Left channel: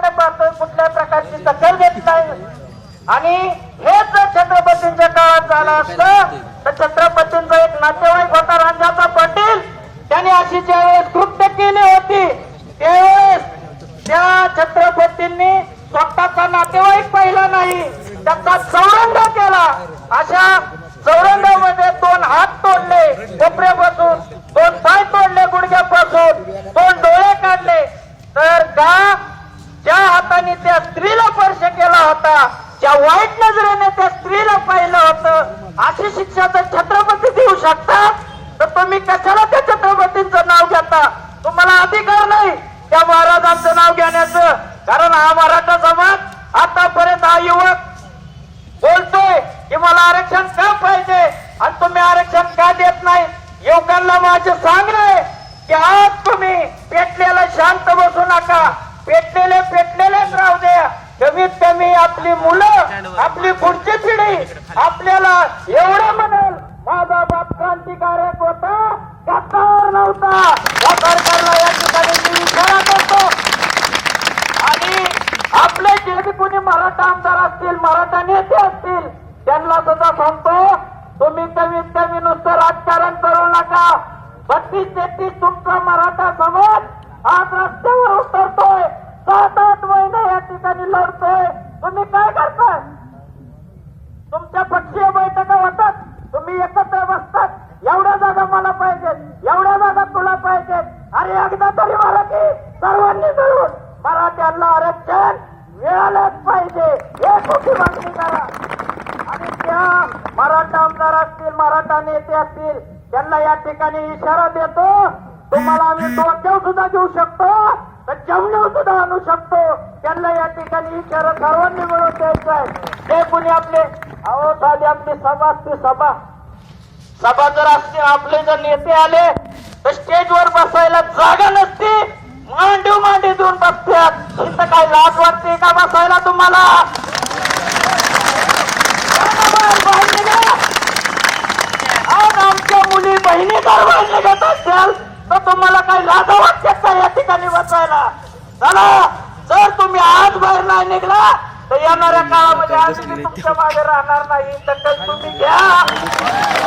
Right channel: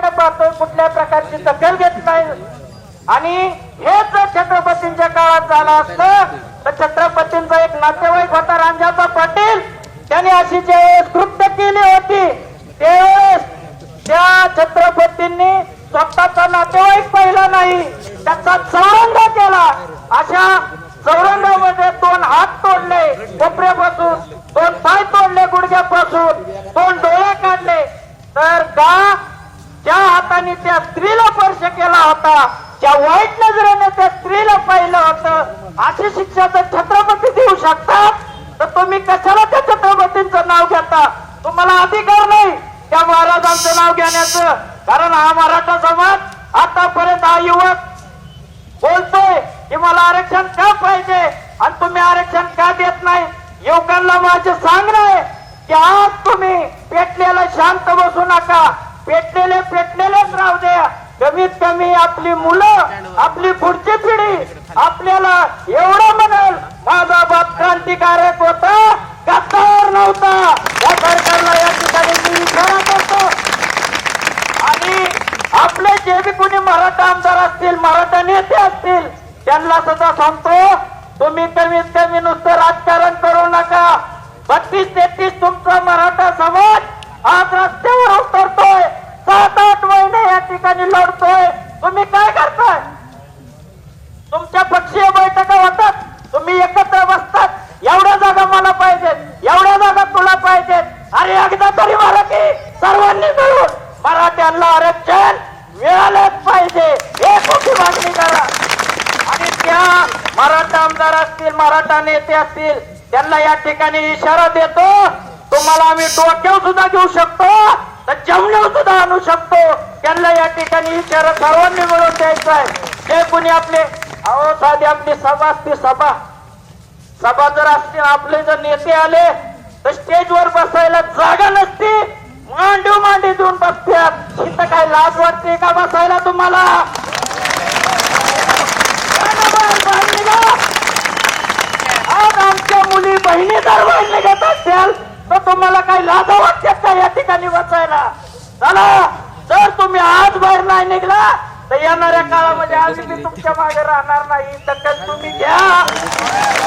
त्यांच्याकडे पाहतोय कुठल्या प्रकारची दखल घेत नाही. आणि हे जर छत्रपतींच्या काळात झालं असतं तर छत्रपतींचा एक नातेवाईक होता रांजाचा पाटील. त्यांनी अशी ज्यावेळेस कृत्य केली होती त्यावेळेस त्या छत्रपतींनी स्वतःचा नातेवाईक पाहिला नाही. त्याचा चौरंग केला. अशा चौरंगामध्ये दोन हात तोडले कोपऱ्यापासून दोन पाय तोडले गुडघ्यापासून दोन डोळे काढले. तर का ज्या हाताने त्या स्त्रीला स्पर्श केला होता ज्या वाईट नजरेने त्या स्त्रीला पाहिलं होतं अशी शिक्षा जर छत्रपती देऊ शकतात? तर तुम्ही कशाला त्या छत्रपतींचं नाव घेता? तुम्हाला अधिकार नाही त्या महाराजांचं नाव घेण्याचं. कारण हा मराठा समाज आतापर्यंत हा युवक बोलतोय की मला आरक्षण का पाहिजे आणि तुम्ही आरक्षण का देत नाही? युवकांना माझं सांगणं आहे की आज तुम्ही पेटलेला शांत बसू नका. पेटलेले पेटलेलेच राहू द्या. कमीत कमी आपली मुलं आपली पुढची पिढी आपल्याला एवढं म्हणेल माझा बाप क्रांतिकारक होता गद्दार नव्हता. या सरकारला या ठिकाणी मी करतो. आणि आपले जे बी कोणी मराठा आमदार असतील मराठा नेते असतील त्यांना सुद्धा सांगतो तुम्ही कमीत कमी नुसतं राजकारण करू नका. बत्तीस तेहतीस तुमचा मराठा समाज या लढतोय तुम्ही काय करताय? तुमच्या पक्षीय बैठका होतात. तुम्ही एकत्र बसतात. एवढ्या जागा मला पाहिजेत. एवढ्या जागा तुला पाहिजेत. अरे एकदा तरी मला की सर्वांनी मिळून मराठ्यांना आरक्षण मिळालंच पाहिजे. हे मोठी मागणी करा. आणि त्या मराठा आमदार असतील मराठा नेते असतील त्यांना या ठिकाणी इशारा देतो. तुम्हाला आम्ही डोक्यावर सुद्धा घेऊ शकतो. तर जमण्यावर सुद्धा आणू शकतो. त्यांना या ठिकाणी इशारा सर्वांनी मिळून द्यायचं आहे. जे कोणी आपले? अहो साधी आपली सभा असते सभा. सभा जर असते आपले जर नेते आले तर स्टेजवर बसायला जागा नसती. मांडीव मांडी देऊन बसतात. इथं काय लाज वाटते का बसायला तुम्हाला? आज आमच्या मुली बहिणी जर बाहेर निघत असेल तर तुम्हाला काही लाजा वाटतात का या ठिकाणी बसायला? चला. तुम्ही आज बाहेर नाही निघला तर येणाऱ्या काळामध्ये आम्ही बी तुमच्या मागे राहणार नाही. तर तुम्ही घ्या.